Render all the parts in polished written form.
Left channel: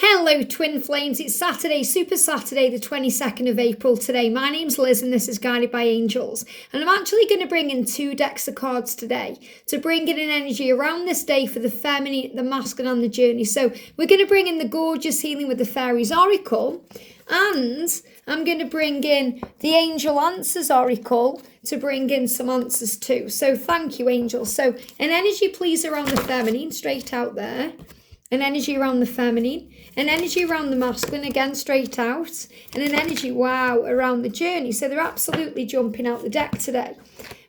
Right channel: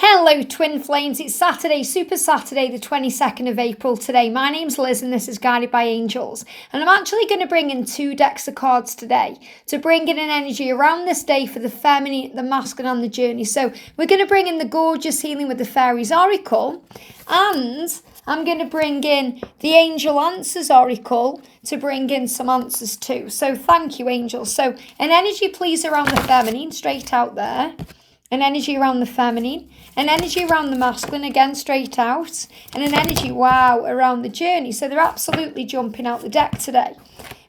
Hello Twin Flames, it's Saturday, Super Saturday the 22nd of April today. My name's Liz and this is Guided by Angels. And I'm actually going to bring in 2 decks of cards today to bring in an energy around this day for the feminine, the masculine and the journey. So we're going to bring in the gorgeous Healing with the Fairies Oracle, and I'm going to bring in the Angel Answers Oracle to bring in some answers too. So thank you, angels. So an energy please around the feminine, straight out there. An energy around the feminine, an energy around the masculine, again straight out, and an energy, wow, around the journey. So they're absolutely jumping out the deck today.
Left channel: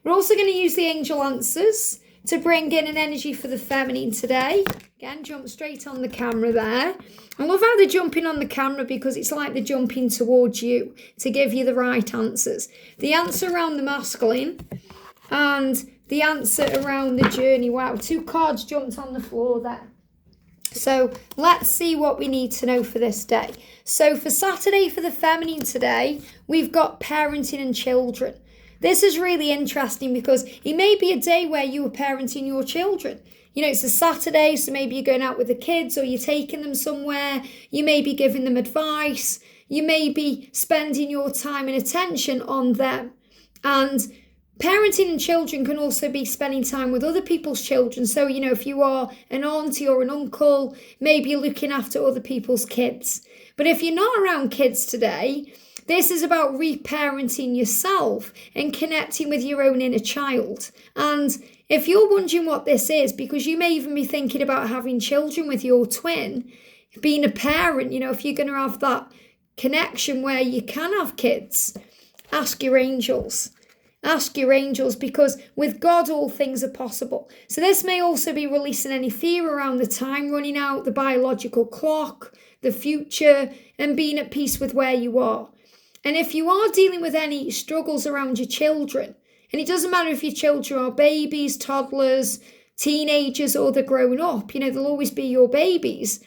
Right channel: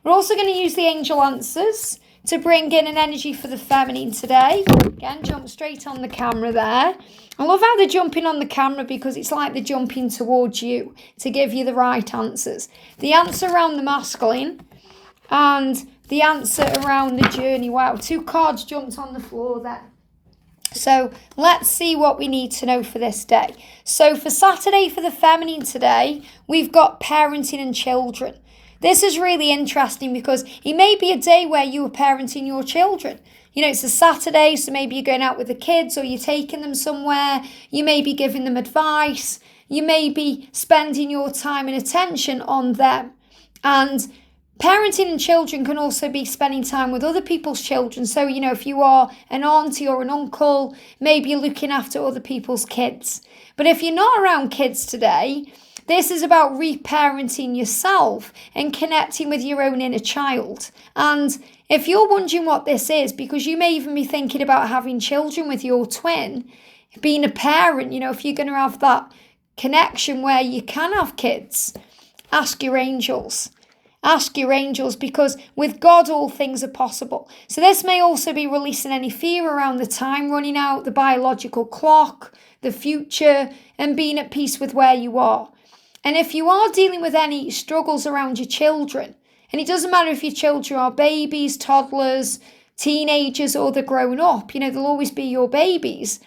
We're also going to use the Angel Answers to bring in an energy for the feminine today. Again, jump straight on the camera there. I love how they're jumping on the camera because it's like they're jumping towards you to give you the right answers. The answer around the masculine and the answer around the journey. Wow, 2 cards jumped on the floor there. So let's see what we need to know for this day. So for Saturday, for the feminine today, we've got parenting and children. This is really interesting because it may be a day where you are parenting your children. You know, it's a Saturday, so maybe you're going out with the kids or you're taking them somewhere. You may be giving them advice. You may be spending your time and attention on them. And parenting and children can also be spending time with other people's children. So, you know, if you are an auntie or an uncle, maybe you're looking after other people's kids. But if you're not around kids today, this is about reparenting yourself and connecting with your own inner child. And if you're wondering what this is, because you may even be thinking about having children with your twin, being a parent, you know, if you're going to have that connection where you can have kids, ask your angels. Ask your angels, because with God all things are possible. So this may also be releasing any fear around the time running out, the biological clock, the future, and being at peace with where you are. And if you are dealing with any struggles around your children, and it doesn't matter if your children are babies, toddlers, teenagers, or they're grown up, you know, they'll always be your babies.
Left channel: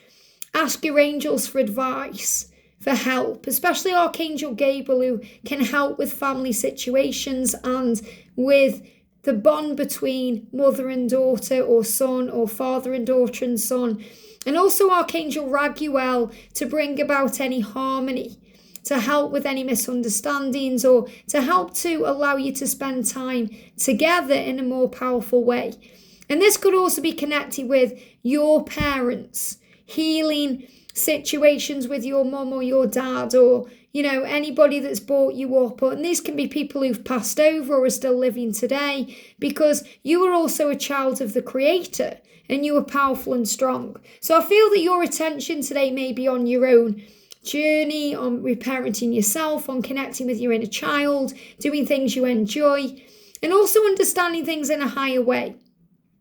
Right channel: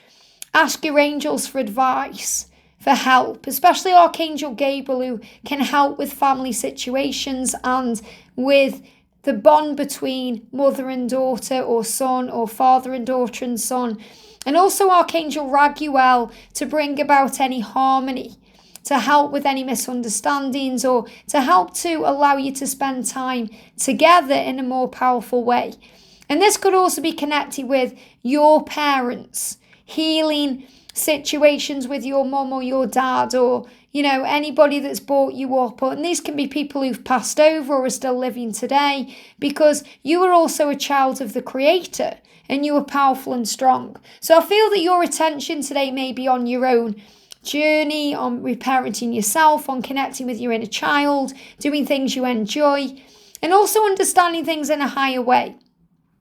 Ask your angels for advice, for help, especially Archangel Gabriel, who can help with family situations and with the bond between mother and daughter or son or father and daughter and son. And also Archangel Radleigh to bring about any harmony, to help with any misunderstandings or to help to allow you to spend time together in a more powerful way. And this could also be connected with your parents, healing situations with your mum or your dad, or, you know, anybody that's brought you up. And these can be people who've passed over or are still living today, because you are also a child of the Creator and you are powerful and strong. So I feel that your attention today may be on your own journey, on reparenting yourself, on connecting with your inner child, doing things you enjoy, and also understanding things in a higher way.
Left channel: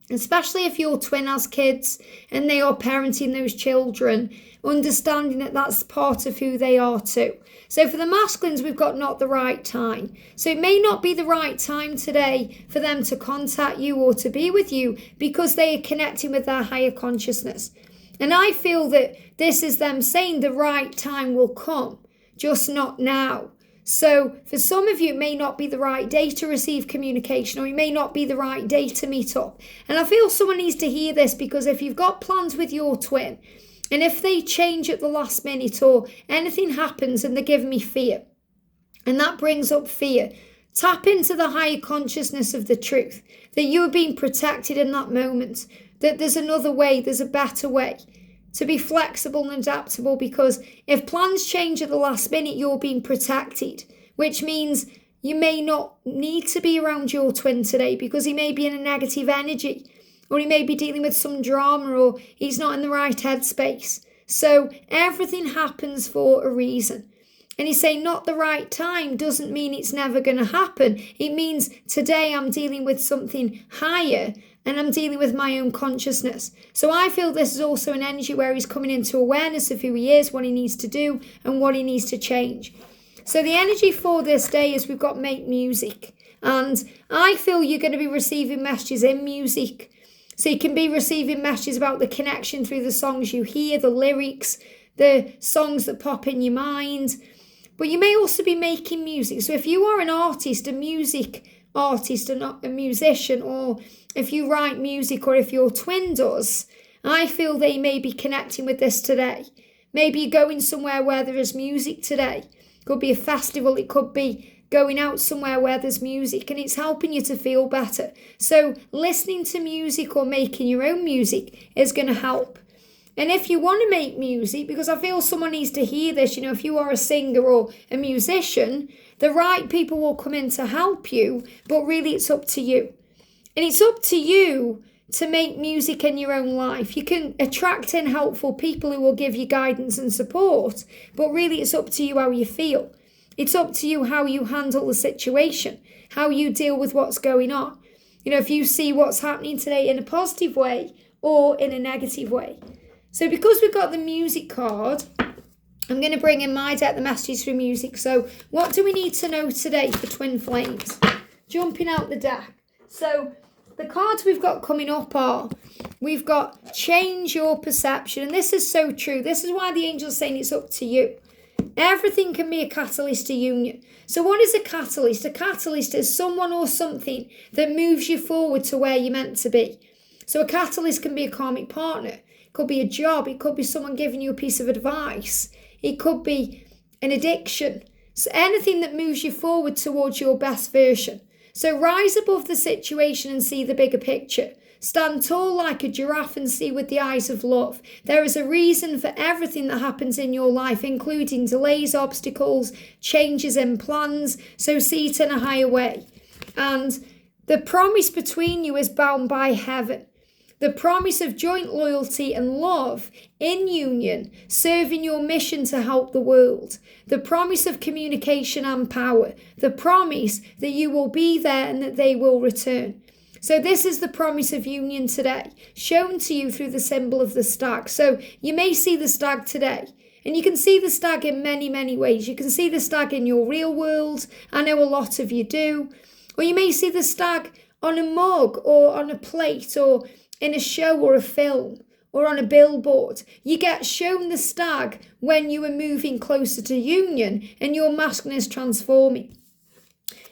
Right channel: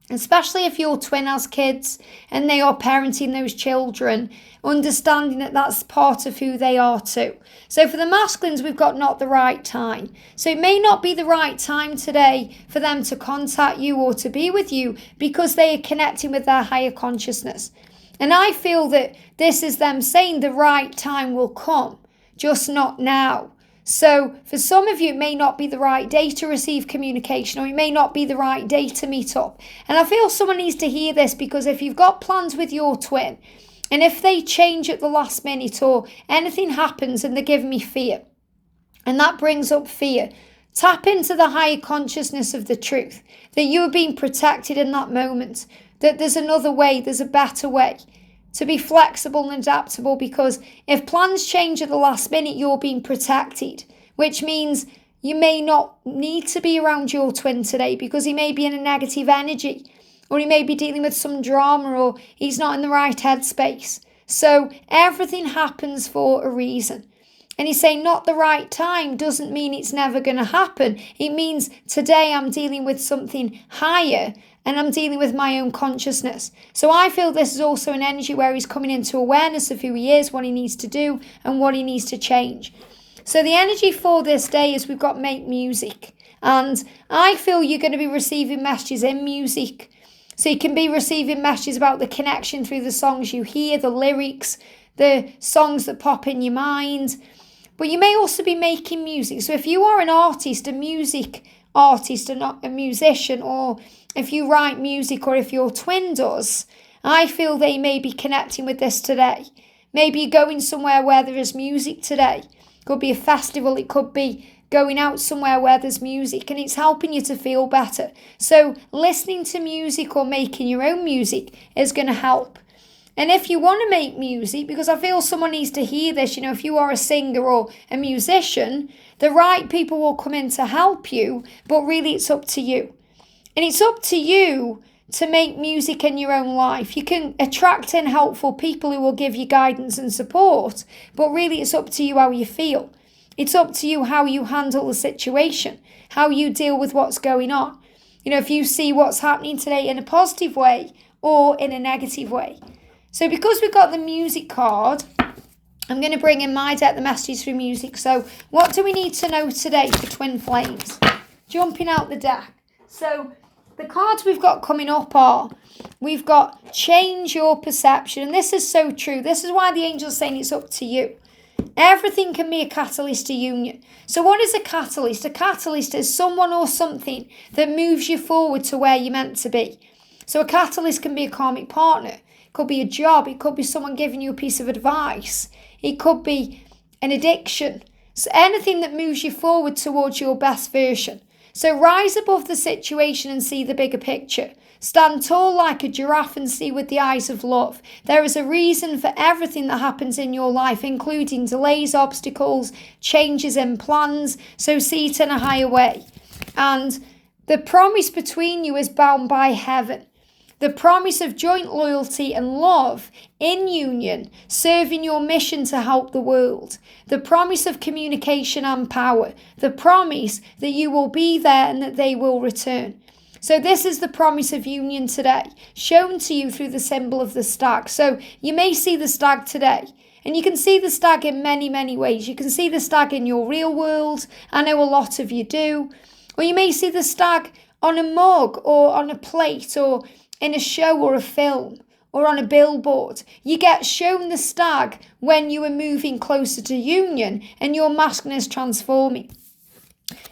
Especially if your twin has kids and they are parenting those children, understanding that that's part of who they are too. So for the masculines, we've got not the right time. So it may not be the right time today for them to contact you or to be with you, because they are connecting with their higher consciousness. And I feel that this is them saying the right time will come, just not now. So for some of you, it may not be the right day to receive communication, or it may not be the right day to meet up. And I feel someone needs to hear this, because if you've got plans with your twin, and if they change at the last minute or anything happens and they're giving me fear, and that brings up fear, tap into the higher consciousness of the truth, that you are being protected in that moment, that there's another way, there's a better way. To be flexible and adaptable, because if plans change at the last minute, you're being protected, which means you may not need to be around your twin today because he may be in a negative energy, or he may be dealing with some drama, or he's not in the right headspace. So everything happens for a reason. And he's saying not the right time doesn't mean it's never going to happen. It means today I'm dealing with something higher, and I'm dealing with my own consciousness. So I feel this is also an energy where he's coming into awareness of who he is, what he needs to do, and what he needs to change. So the energy for this day is we've got make music. And I feel you're going to be receiving messages in music. So you can be receiving messages about the connection through the songs you hear, the lyrics, the songs that pop in your mind. But you may also be making music. So if you are an artist, a music artist, and not a musician, or if you write music, or if your twin does, I feel they may be connecting with this today. Maybe you're going somewhere where there is music today. It could be a festival. It could be going out somewhere where there's music, and it's helping you to feel better. So listening to music or making your own music is going to help. And if you want to make music, because I feel someone needs to hear this, if you are a singer or a musician, the right people will come in to help you, but really it's up to you. And it's up to you to make music in your own life. You can attract in helpful people who will give you guidance and support, but really it's up to you how you feel. It's up to you how you handle the situation, how you deal with what's going on. If you see what's happening today in a positive way or in a negative way. So because we've got the music card, I'm going to bring in my deck, the messages through music. So what do we need to know today for twin flames? Jumping out the deck. So the cards we've got coming up are, we've got change your perception. And this is so true. This is why the angel's saying it's up to you. Everything can be a catalyst to union. So what is a catalyst? A catalyst is someone or something that moves you forward to where you're meant to be. So a catalyst can be a karmic partner. It could be a job. It could be someone giving you a piece of advice. It could be an addiction. So anything that moves you forward towards your best version. So rise above the situation and see the bigger picture. Stand tall like a giraffe and see with the eyes of love. There is a reason for everything that happens in your life, including delays, obstacles, changes in plans. So see it in a higher way. And the promise between you is bound by heaven. The promise of joint loyalty and love in union, serving your mission to help the world. The promise of communication and power. The promise that you will be there and that they will return. So this is the promise of union today, shown to you through the symbol of the stag. So you may see the stag today. And you can see the stag in many, many ways. You can see the stag in your real world. I know a lot of you do. Or you may see the stag on a mug or on a plate or in a show or a film or on a billboard. You get shown the stag when you are moving closer to union and your masculine is transforming.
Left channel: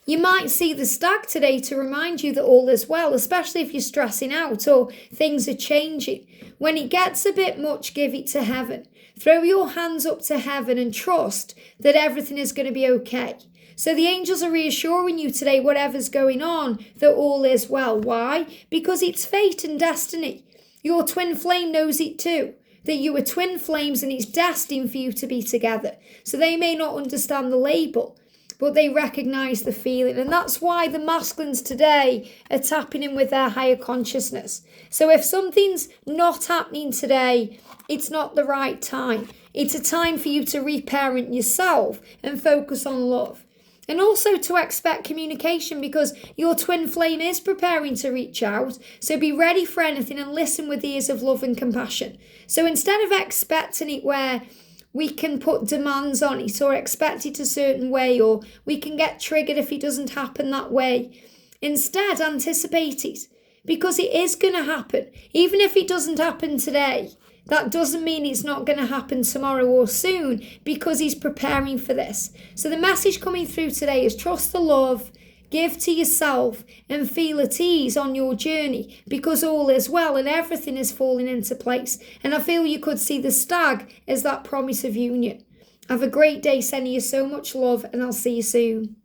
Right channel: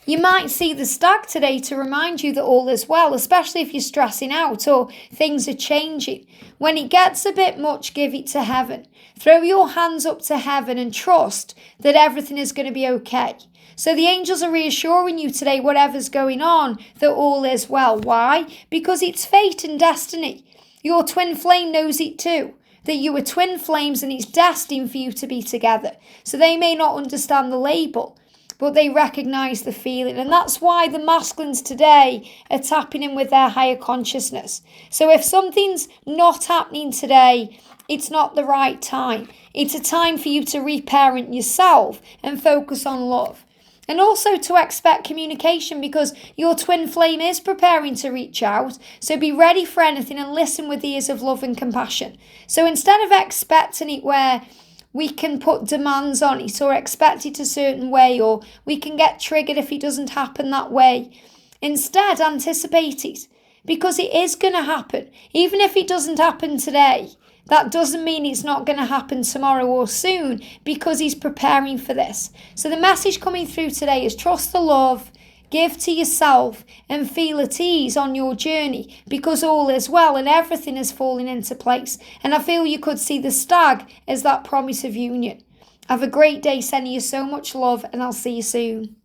You might see the stag today to remind you that all is well, especially if you're stressing out or things are changing. When it gets a bit much, give it to heaven. Throw your hands up to heaven and trust that everything is going to be okay. So the angels are reassuring you today, whatever's going on, that all is well. Why? Because it's fate and destiny. Your twin flame knows it too, that you are twin flames and it's destined for you to be together. So they may not understand the label, but they recognise the feeling. And that's why the masculines today are tapping in with their higher consciousness. So if something's not happening today, it's not the right time. It's a time for you to reparent yourself and focus on love. And also to expect communication, because your twin flame is preparing to reach out. So be ready for anything and listen with ears of love and compassion. So instead of expecting it where we can put demands on it or expect it a certain way, or we can get triggered if it doesn't happen that way, instead anticipate it, because it is going to happen. Even if it doesn't happen today, that doesn't mean it's not going to happen tomorrow or soon, because he's preparing for this. So the message coming through today is trust the love, give to yourself, and feel at ease on your journey, because all is well and everything is falling into place. And I feel you could see the stag as that promise of union. Have a great day, sending you so much love, and I'll see you soon.